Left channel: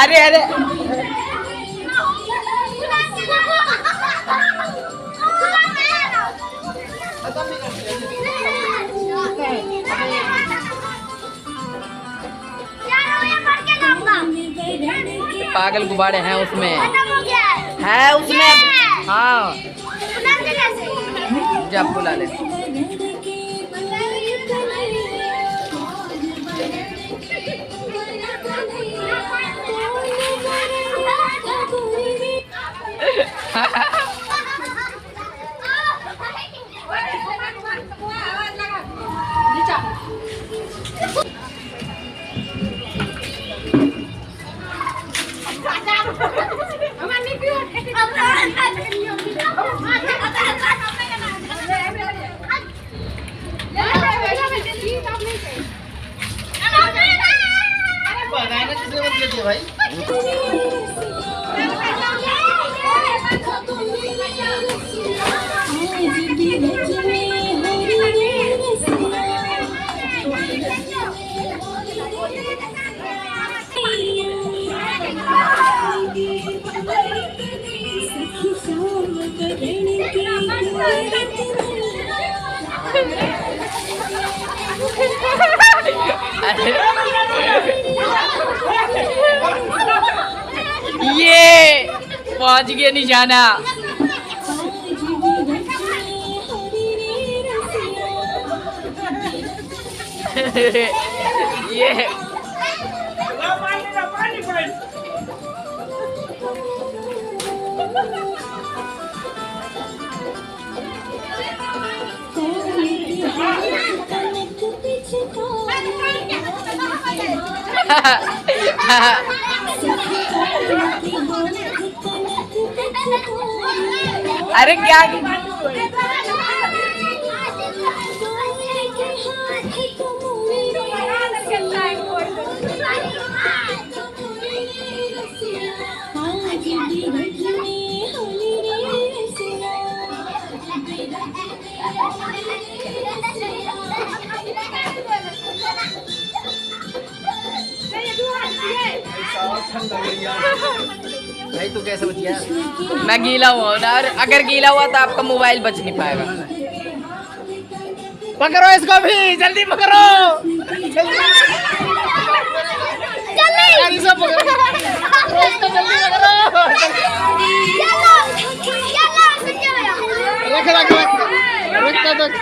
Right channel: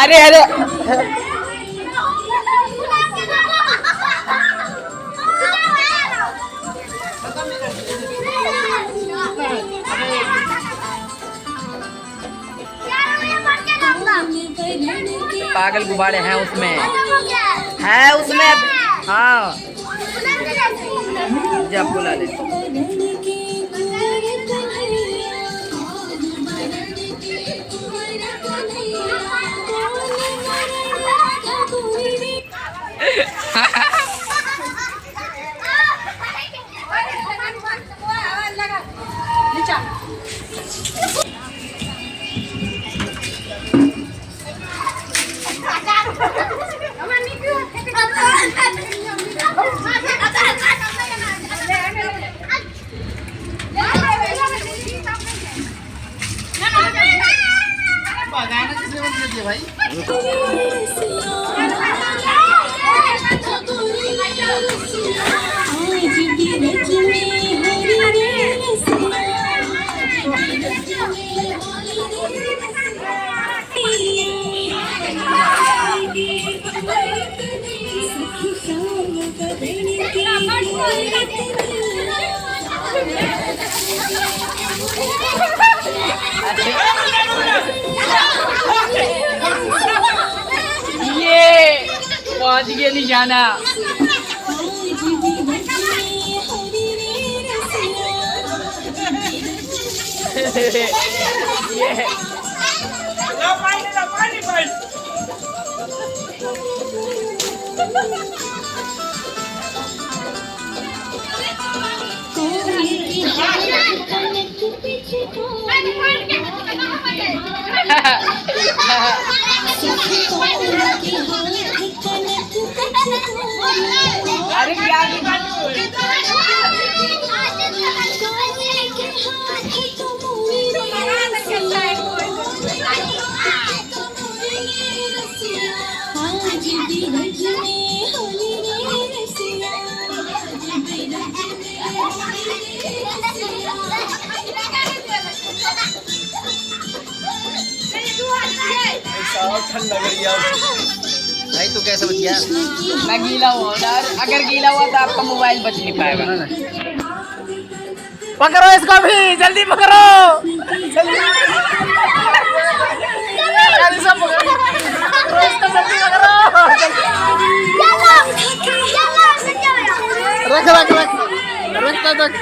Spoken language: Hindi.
अरे अरे पागल गुब्बारे हैं उसमें, है उसमें। हाँ जब बुला ले। भाई ये पहुंच गया निशाना। ये अरे क्या भाई तू कैसे बच गया? मैं गीला हुआ और अगर गीला हुआ तो आपका मोबाइल बच नहीं पाएगा। पकड़ो इसको भी, जल्दी पकड़ो, सब पकड़ो इसको, जल्दी पकड़ो। रख रख रख रख रख